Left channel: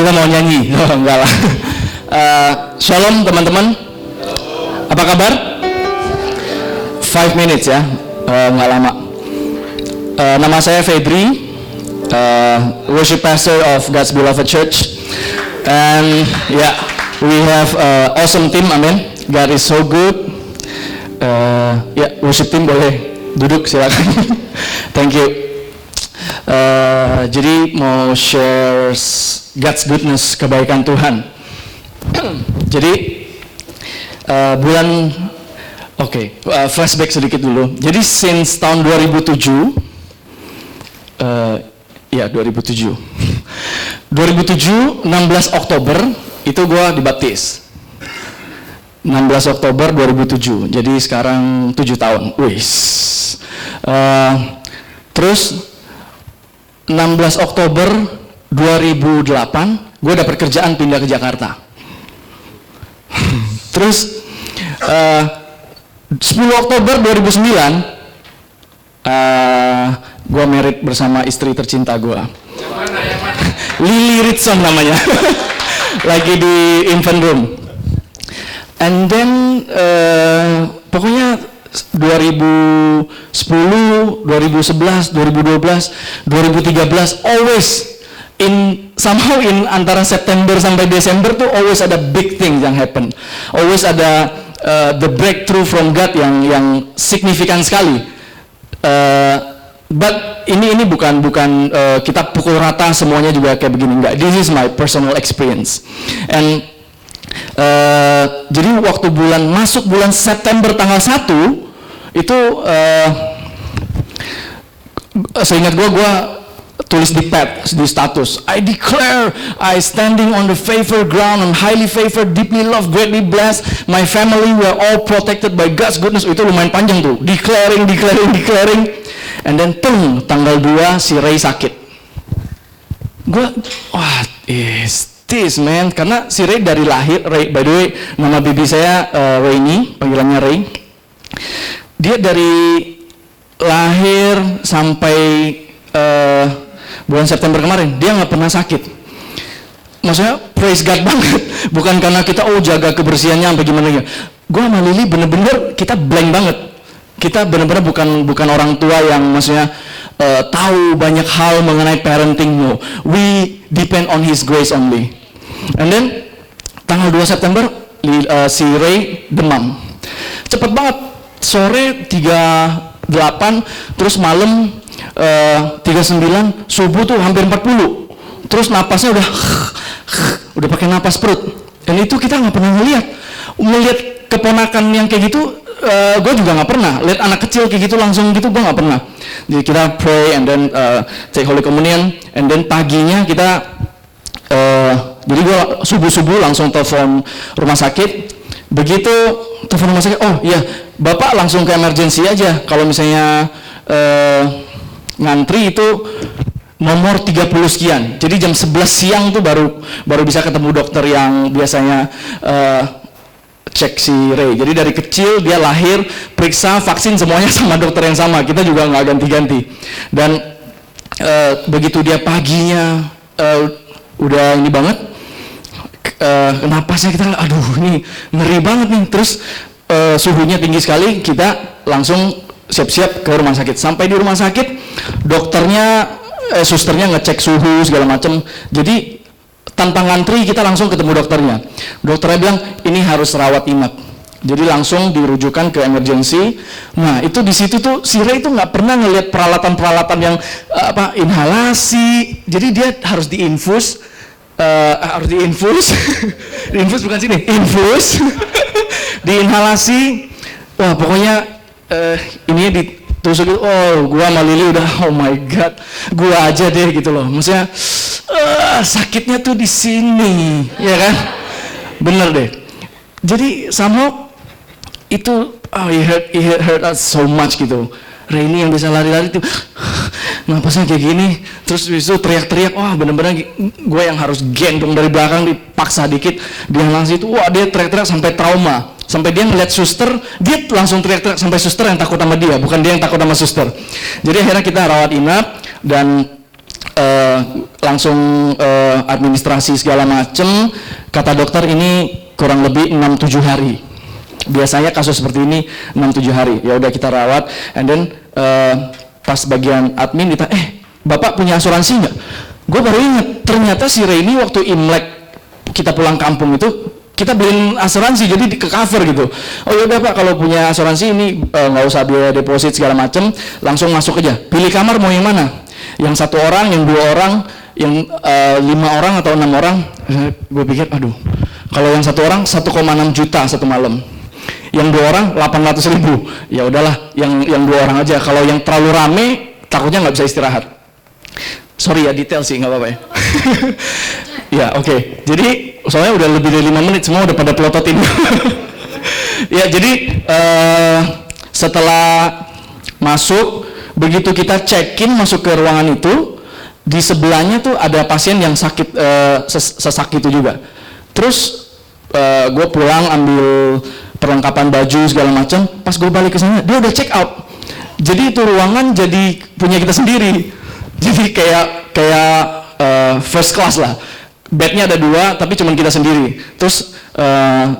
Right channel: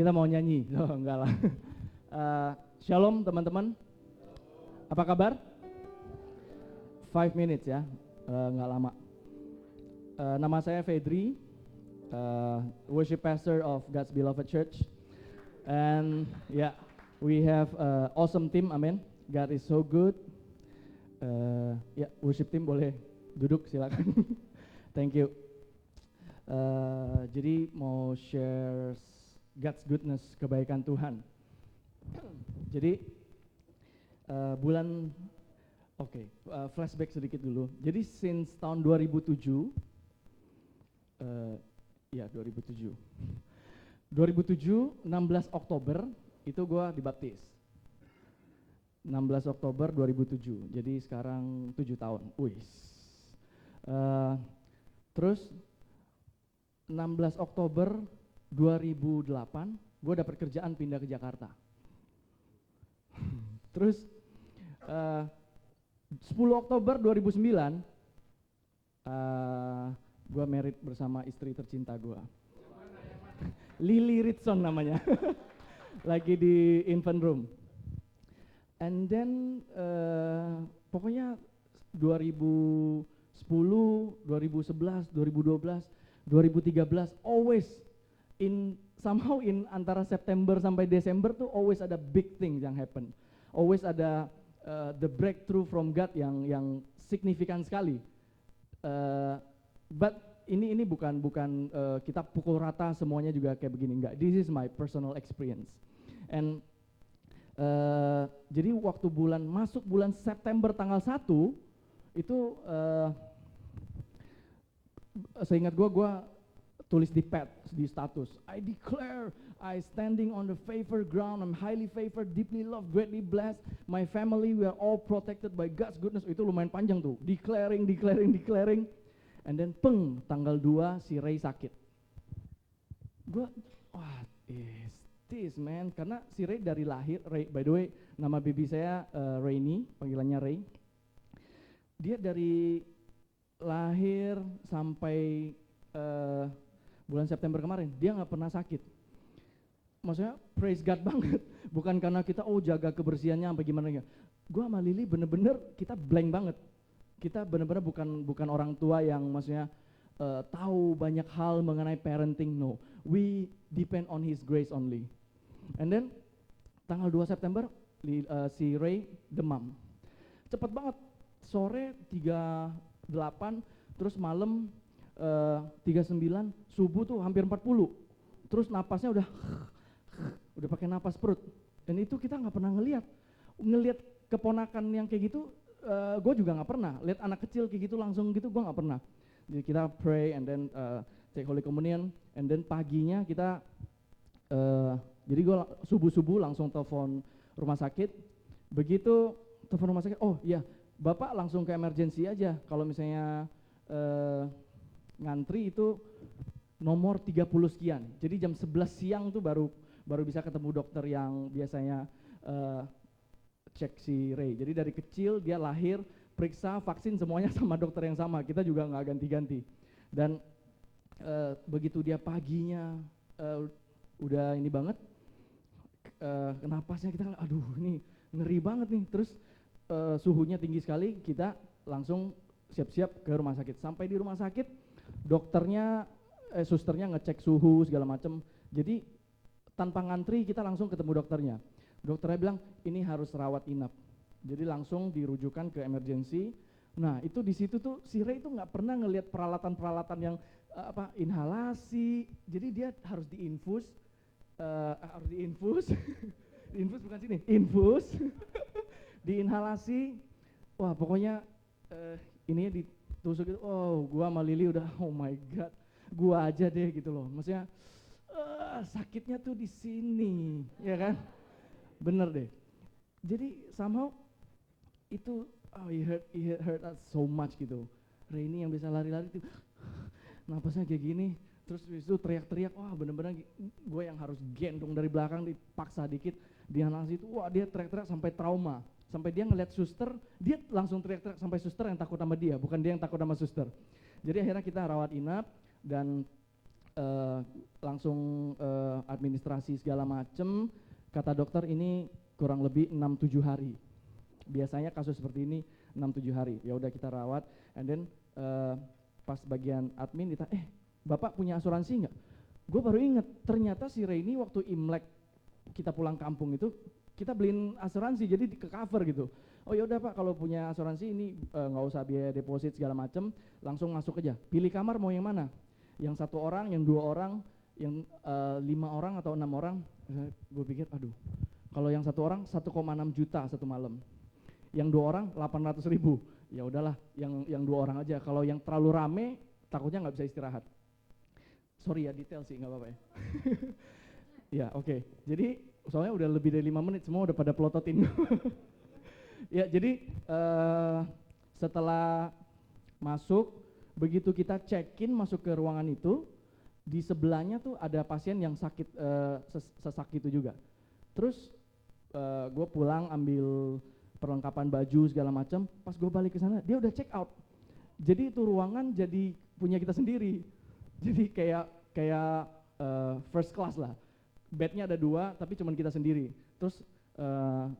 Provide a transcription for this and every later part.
Kita mau nyanyi? Oh, enggak lah. Shalom teman-teman. Apa kabar? 5 minutes ya, nggak lama. Nama saya Febri, worship pastor of God's Beloved Church. And yeah, we have awesome team, amen. God is so good. Ya, worship team boleh duduk silakan. Thank you. Jadi mau share God's goodness, kebaikan Tuhan. Jadi flashback sedikit dulu. Jadi since tahun 2007, 2007, 16 Oktober itu gue dibaptis. 16 Oktober 2007, jadi sekarang 7 tahun. Terus 16 Oktober 2008, gue dapat kerjaan pindah ke Jakarta. Terus 10 Oktober 2009, gue married bersama istri tercinta gue. Lily Ritson namanya. Lagi di infant room. And then pokoknya 2010, 2011, 2012, 2013 always somehow in antara September sampai Desember tuh always ada big thing yang happen. Always ada the breakthrough from God yang signifikan sekali. But ini bukan kita pukul rata semuanya juga kayak begini, enggak. This is my personal experience. And jadi waktu masuk bulan September tanggal 1 itu seingat gue tulis di pad, di status, I declare I standing on the favored ground, I'm highly favored, deeply loved, greatly blessed, my family were all protected by God's goodness. Itu lumayan panjang tuh, declaring, and then tanggal 2 si Ray sakit. Gue, what is this man? Karena si Ray dari lahir, Ray, by the way nama bibi saya Rainy, panggilannya Ray. Dia dari lahir sampai bulan September kemarin, dia nggak pernah sakit. Maksudnya praise God banget. Bukan karena kita jaga kebersihannya sampai gimana ya. Gue sama Lily bener-bener kita blank banget. Kita bener-bener bukan orang tua yang maksudnya tahu banyak hal mengenai parenting. No, we depend on His grace only. And then tanggal 2 September si Ray demam. Cepet banget. Sore 38, terus malam 39, subuh tuh hampir 40. Terus napasnya udah pakai napas perut. Dan itu kita nggak pernah melihat keponakan yang kayak gitu. Gue juga nggak pernah lihat anak kecil kayak gitu langsung gitu, gue nggak pernah. Jadi kita pray and then take Holy Communion, and then paginya kita jadi gue subuh langsung telepon rumah sakit. Begitu telepon rumah sakit, oh iya bapak langsung ke emergency aja. Kalau misalnya ngantri itu nomor 30 sekian. Jadi jam 11 siang tuh baru bisa ketemu dokter yang biasanya cek si Ray. Jadi dari kecil dia lahir, periksa, vaksin semuanya sama dokter yang sama. Kita juga nggak ganti-ganti. Dan begitu dia paginya udah ini banget, napasnya kita, aduh ini ngeri banget nih. Terus suhunya tinggi sekali, kita langsung siap-siap ke rumah sakit. Sampai di rumah sakit, dokternya, susternya ngecek suhu segala macam. Jadi tanpa ngantri kita langsung ketemu dokternya. Dokternya bilang ini harus rawat inap. Jadi langsung dirujukan ke emergency. Nah itu di situ tuh si Ray itu nggak pernah ngelihat peralatan yang inhalasi. Jadi dia harus diinfus, diinfus bukan sini, infus, diinhalasi. Wah pokoknya ininya ditusuk gitu. Oh gua sama Lily udah, oh my God, gua aja deh gitu loh. Maksudnya sakitnya tuh di sini, ya kan? Bener deh. Jadi somehow itu it hurt us so much gitu. Rainy yang bisa lari-lari tuh napasnya kayak gini, terus itu teriak-teriak, wah bener-bener gue yang harus gendong dari belakang, dipaksa dikit, dia langsung itu, wah dia teriak-teriak sampai trauma, sampai dia ngeliat suster, dia langsung teriak-teriak sampai suster yang takut sama dia, bukan dia yang takut sama suster. Jadi akhirnya kita rawat inap, dan langsung administrasi segala macem. Kata dokter ini kurang lebih 6-7 hari. Biasanya kasus seperti ini 6-7 hari. Ya udah kita rawat, and then pas bagian admin kita, Bapak punya asuransi nggak? Gue baru ingat, ternyata si Reni waktu Imlek kita pulang kampung itu kita beliin asuransi, jadi ke cover gitu. Oh yaudah Pak, kalau punya asuransi ini nggak usah biaya deposit segala macem, langsung masuk aja. Pilih kamar mau yang mana? Yang 1 orang, yang 2 orang, yang 5 orang atau 6 orang? Gue pikir, aduh, kalau yang 1 orang 1,6 juta satu malam. Yang 2 orang 800.000. Ya udahlah, yang 2 orang aja. Kalau yang terlalu rame, takutnya nggak bisa istirahat. Sorry ya, detail sih, nggak apa-apa ya. Ya oke. Jadi soalnya udah lebih dari 5 menit, semua udah pada pelototin. Ya jadi setelah masuk, begitu kita check-in masuk ke ruangan itu, di sebelahnya tuh ada pasien yang sakit, sesak itu juga. Terus gue pulang ambil perlengkapan baju segala macam. Pas gue balik ke sana, dia udah check out. Jadi itu ruangan jadi punya kita sendiri. Jadi kayak first class lah. Bednya ada 2, tapi cuma kita sendiri. Terus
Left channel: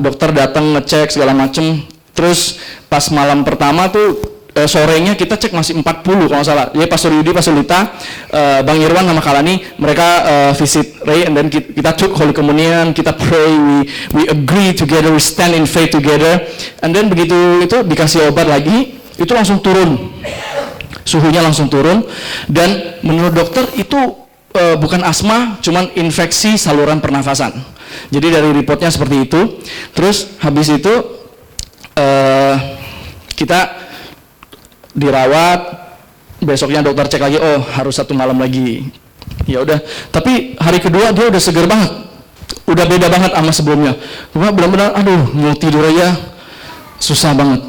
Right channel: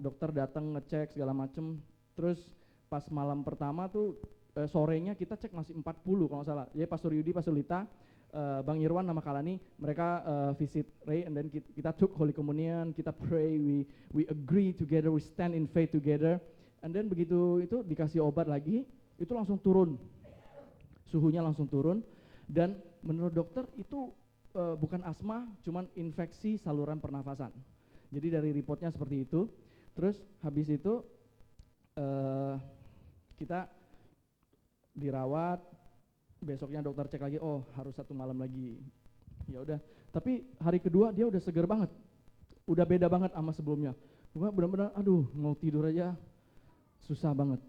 dokter datang ngecek segala macem. Terus pas malam pertama tuh sorenya kita cek masih 40 kalau nggak salah. Jadi Pastor Yudi, Pastor Lita, Bang Irwan sama Kalani, mereka visit Ray, and then kita took Holy Communion, kita pray, we agree together, we stand in faith together. And then begitu itu dikasih obat lagi, itu langsung turun. Suhunya langsung turun, dan menurut dokter itu bukan asma, cuman infeksi saluran pernafasan. Jadi dari reportnya seperti itu. Terus habis itu kita dirawat, besoknya dokter cek lagi, oh harus 1 malam lagi. Ya udah, tapi hari kedua dia udah seger banget, udah beda banget sama sebelumnya. Cuma benar-benar, aduh mau tidur aja susah banget.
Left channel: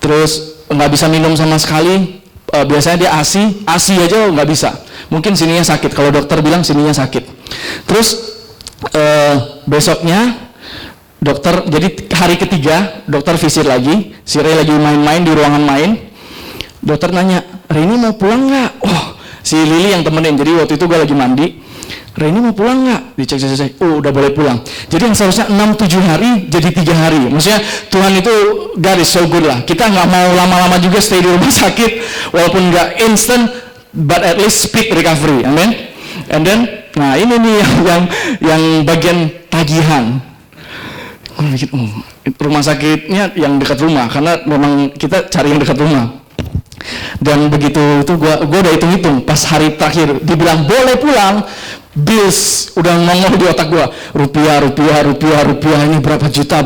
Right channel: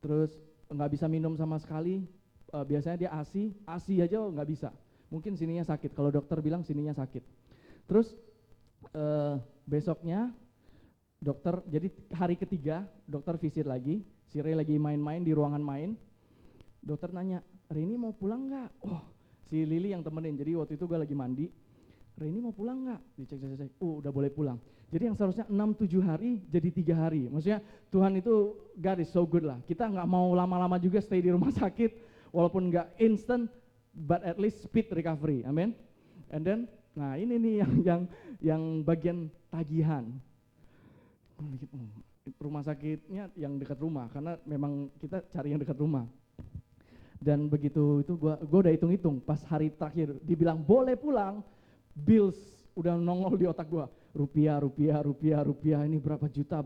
Terus nggak bisa minum sama sekali. Biasanya dia ASI aja nggak bisa. Mungkin sininya sakit, kalau dokter bilang sininya sakit. Terus besoknya dokter, jadi hari ketiga dokter visit lagi, si Ray lagi main-main di ruangan main. Dokter nanya, Reni mau pulang nggak? Oh, si Lili yang temenin, jadi waktu itu gue lagi mandi. Reni mau pulang nggak? Dicek, oh udah boleh pulang. Jadi yang seharusnya 6-7 hari jadi 3 hari. Maksudnya Tuhan itu God is so good lah. Kita nggak mau lama-lama juga stay di rumah sakit, walaupun nggak instant, but at least speed recovery. Amen. And then, nah ini nih yang bagian tagihan. Gue mikir, rumah sakitnya yang dekat rumah, karena memang kita cari yang dekat rumah. Dan begitu itu gue udah hitung-hitung, pas hari terakhir dibilang boleh pulang, bills udah nongol di otak gue, rupiah, ini berapa juta.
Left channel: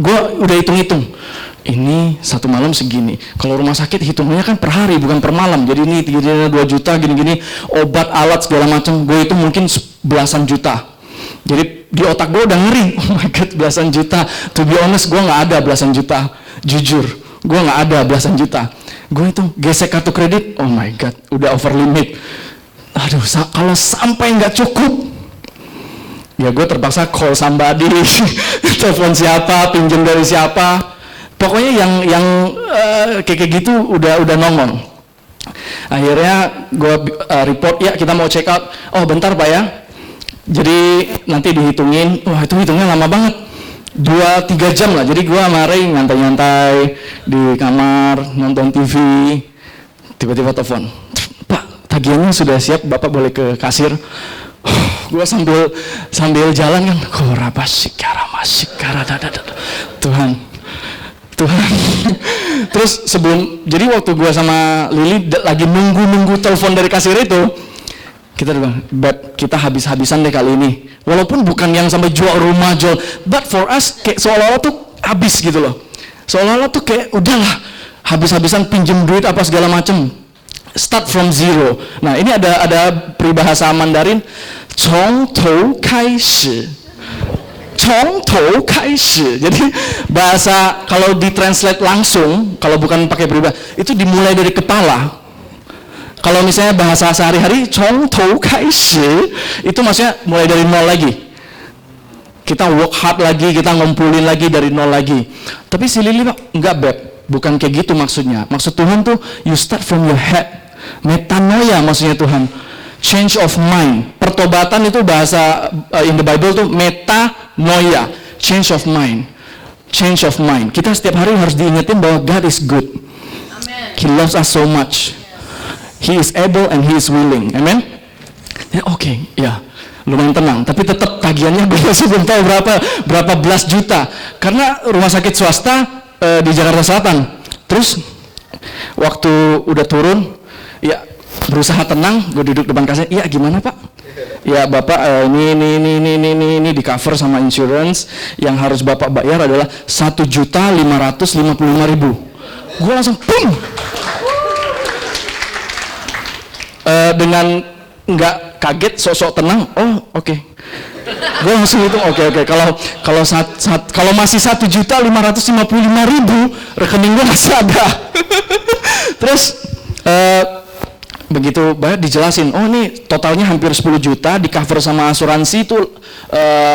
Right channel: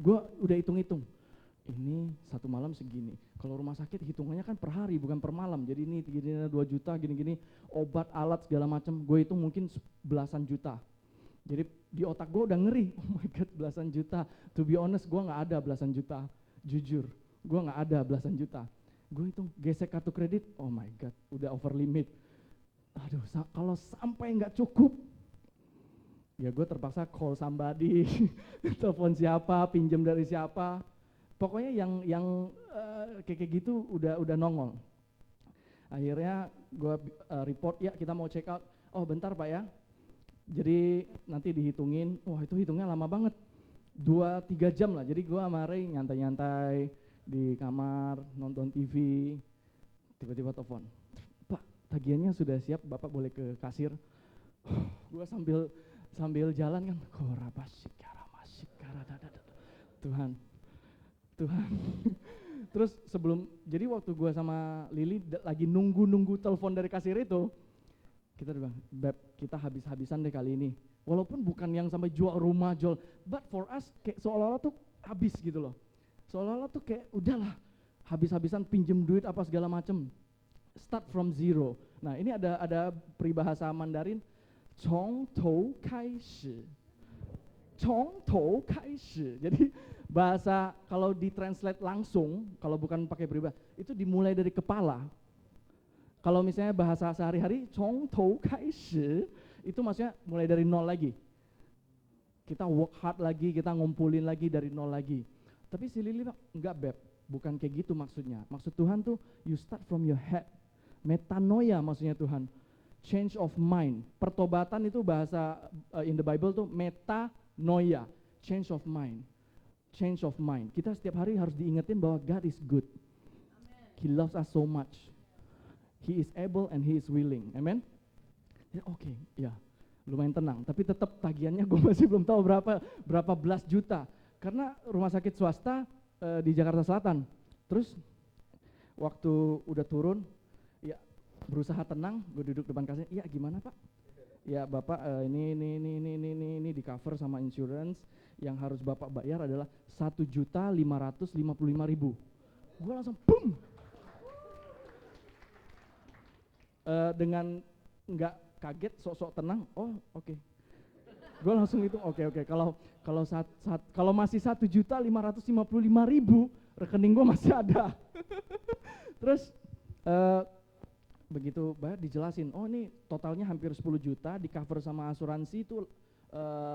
Gue udah hitung-hitung, ini 1 malam segini. Kalau rumah sakit hitungannya kan per hari bukan per malam, jadi ini 2 juta gini-gini, obat alat segala macam, gue itu mungkin belasan juta. Jadi di otak gue udah ngeri, oh my god, belasan juta. To be honest, gue nggak ada belasan juta, jujur, gue nggak ada belasan juta. Gue itu gesek kartu kredit, oh my god, udah over limit. Aduh, kalau sampai nggak cukup, ya gue terpaksa call somebody, telepon siapa, pinjam dari siapa. Pokoknya yang kayak gitu udah nongol. Akhirnya gue report, ya kita mau check out. Oh bentar Pak ya. Jadi nanti dihitungin, wah itu hitungnya lama banget, 2-3 jam lah. Jadi gue sama Ray nyantai-nyantai di kamar, nonton TV, tiba-tiba telepon, Pak tagihannya sudah siap, Bapak boleh ke kasir. Gue sambil jalan kan, Tuhan. Terus jadi waktu gue sama Lili lagi nunggu telepon dari kasir itu, kita bilang, Beb, kita habis-habisan deh kali ini. Walaupun bukan yang sampai jual rumah, but for us kayak seolah-olah tuh habis gitu loh. Seolah-olah tuh kayak udahlah, habis-habisan pinjem duit apa segala macem. Start from zero. Nah ini ada peribahasa Mandarin, 从头开始. 从头开始. Jadi bahasa kalau ditranslate langsung, kalau bukan pakai peribahasa, itu dimulai dari kepala. Kalau misalnya bahasa sehari-hari, 从头开始, itu maksudnya mulai dari nol lagi. Kita work hard lagi, kita ngumpulin lagi dari nol lagi. Tapi si Lili, enggak Beb, bukan kayak gitu maksudnya. Maksud Tuhan tuh, you start from your head. Metanoia maksudnya Tuhan. Change of mind. Pertobatan itu bahasa in the Bible tuh metanoia. Change of mind. Change of mind. Kita setiap hari harus diingetin bahwa God is good. Amen. He loves us so much. He is able and He is willing. Amen. Ya, oke, ya. Lumayan tenang, tapi tetap tagihannya gue masih belum tahu berapa belas juta. Karena rumah sakit swasta di Jakarta Selatan. Terus waktu udah turun, ya berusaha tenang, gue duduk depan kasir. Iya gimana Pak? Ya Bapak ini di cover sama insurance. Yang harus Bapak bayar adalah 1.555.000. Gue langsung boom. Dengan nggak kaget, sok-sok tenang. Oh oke. Gue langsung hitung oke. Kalau masih 1.555.000, rekening gue masih ada. Terus begitu bayar dijelasin, oh ini totalnya hampir 10 juta, di cover sama asuransi itu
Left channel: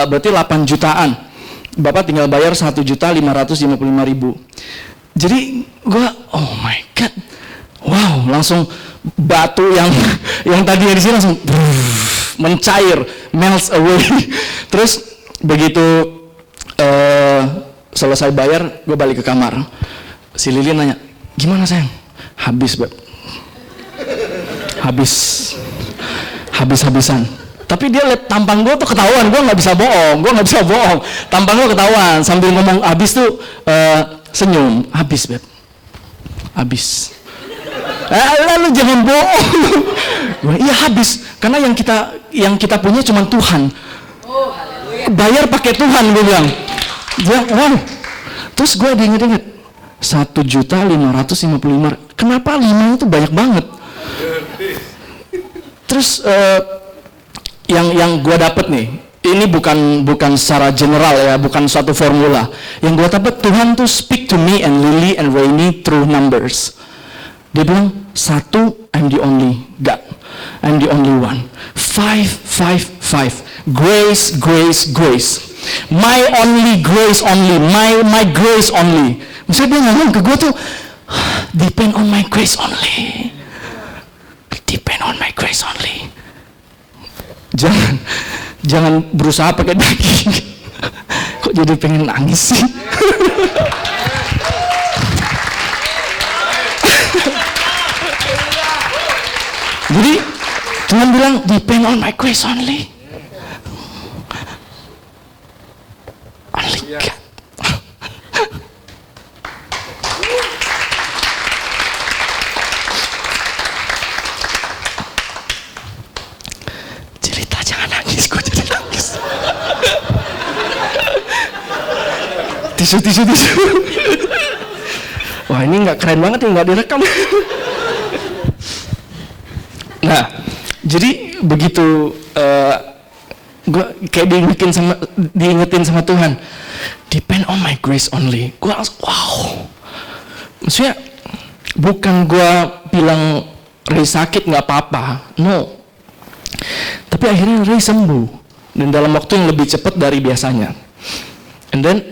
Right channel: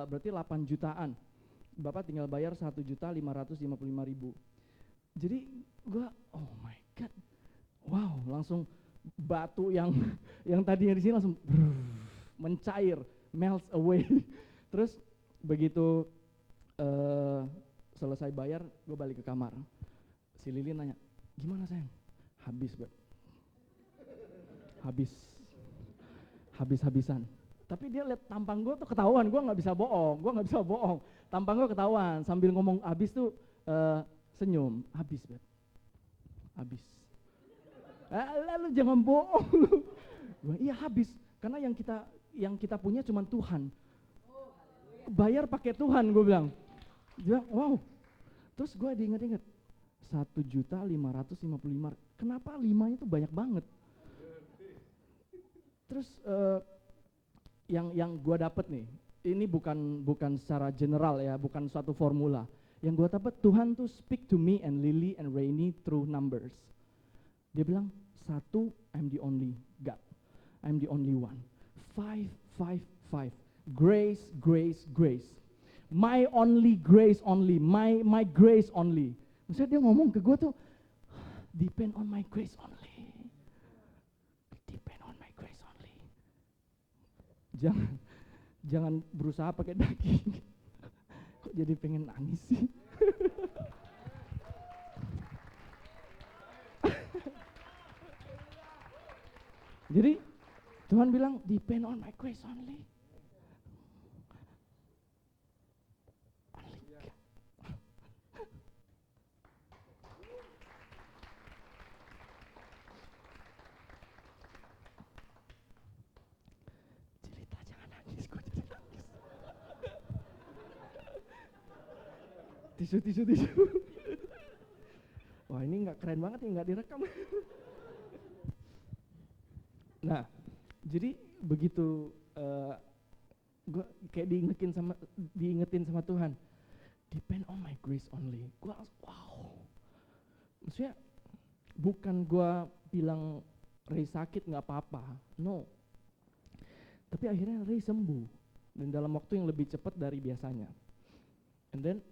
berarti 8 jutaan. Bapak tinggal bayar 1.555.000. Jadi gue, oh my god, wow, langsung batu yang tadinya di sini langsung mencair, melts away. Terus begitu selesai bayar, gue balik ke kamar. Si Lili nanya, gimana sayang? Habis, Beb. Habis-habisan. Tapi dia liat tampang gue tuh ketahuan, gue nggak bisa bohong. Tampang gue ketahuan, sambil ngomong habis tuh senyum, habis, Beb. Habis. Lalu jangan bohong. Iya habis, karena yang kita punya cuma Tuhan. Bayar pakai Tuhan, gue bilang. Wow. Terus gue diinget-inget 1.555.000. Kenapa 5 itu banyak banget? Terus yang gue dapet nih, ini bukan secara general ya, bukan suatu formula. Yang gue dapet, Tuhan tuh speak to me and Lily and Rainy through numbers. Dia bilang, 1, I'm the only God. I'm the only one. 5. Grace. My only grace only. My grace only. Misalnya dia ngomong ke gue tuh, depend on my grace only. Depend on my grace only. Jangan berusaha pakai daging. Kok jadi pengen nangis sih? Jadi Tuhan bilang depend on my grace only. Only God. Cerita jangan nangis, gue jadi nangis. Tisu. Wah ini nggak keren banget nih, nggak direkam. Nah, jadi begitu gue kayak diingetin sama Tuhan, depend on my grace only. Gue langsung wow. Maksudnya bukan gue bilang Ray sakit nggak apa-apa, no. Tapi akhirnya Ray sembuh dan dalam waktu yang lebih cepat dari biasanya. And then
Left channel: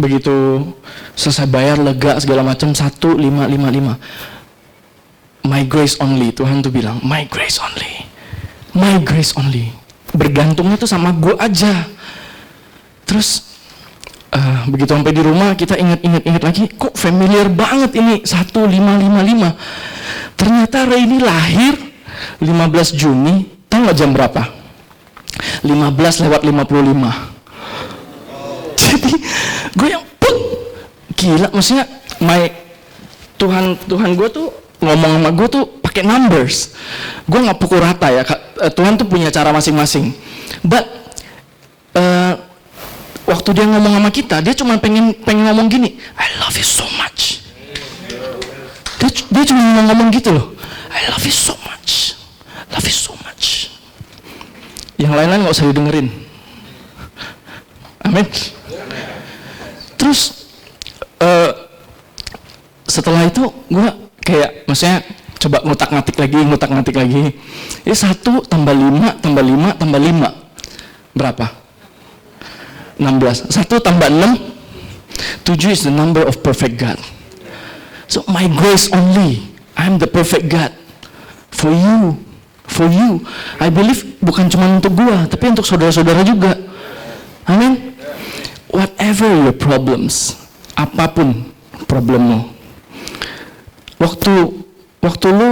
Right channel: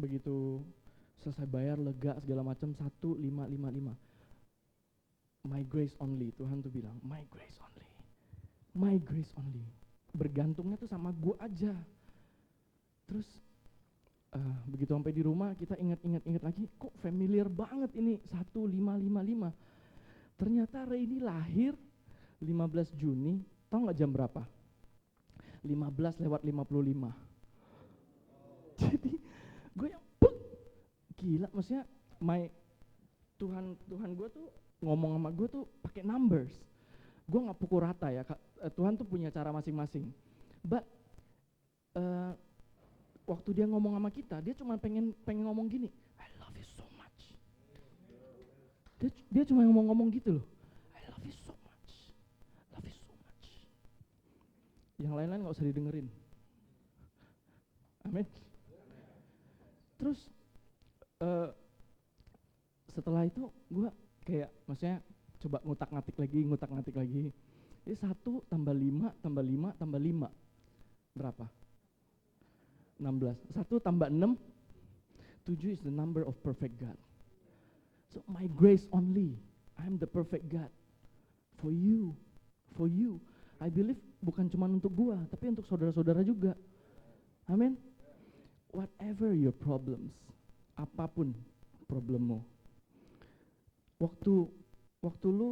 begitu selesai bayar lega segala macam 1.555. My grace only, Tuhan tuh bilang, my grace only. Bergantungnya tuh sama gue aja. Terus begitu sampai di rumah kita ingat lagi, kok familiar banget ini 1.555. Ternyata Ray ini lahir 15 Juni, tahu nggak jam berapa? 15:55. Jadi gue yang gila, maksudnya Tuhan gue tuh ngomong sama gue tuh pakai numbers. Gue nggak pukul rata ya. Tuhan tuh punya cara masing-masing. But waktu dia ngomong sama kita, dia cuma pengen ngomong gini, I love you so much. Dia cuma ngomong gitu loh, I love you so much. Yang lain-lain nggak usah didengerin. Amin. Terus setelah itu gue kayak, maksudnya coba ngutak-ngatik lagi. Ini 1 tambah 5 tambah 5 tambah 5. Berapa? 16. 1 tambah 6. 7 is the number of perfect God. So my grace only. I'm the perfect God for you. For you. I believe bukan cuma untuk gua, tapi untuk saudara-saudara juga. Amin. Whatever your problems, apapun problemmu, waktu lu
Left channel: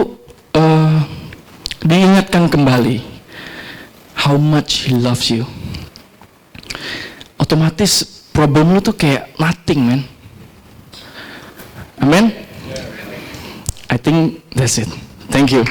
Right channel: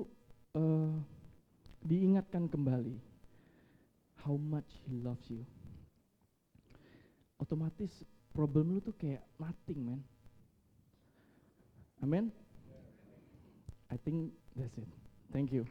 diingatkan kembali how much He loves you, otomatis problem lu tuh kayak nothing, man. Amen. I think that's it. Thank you.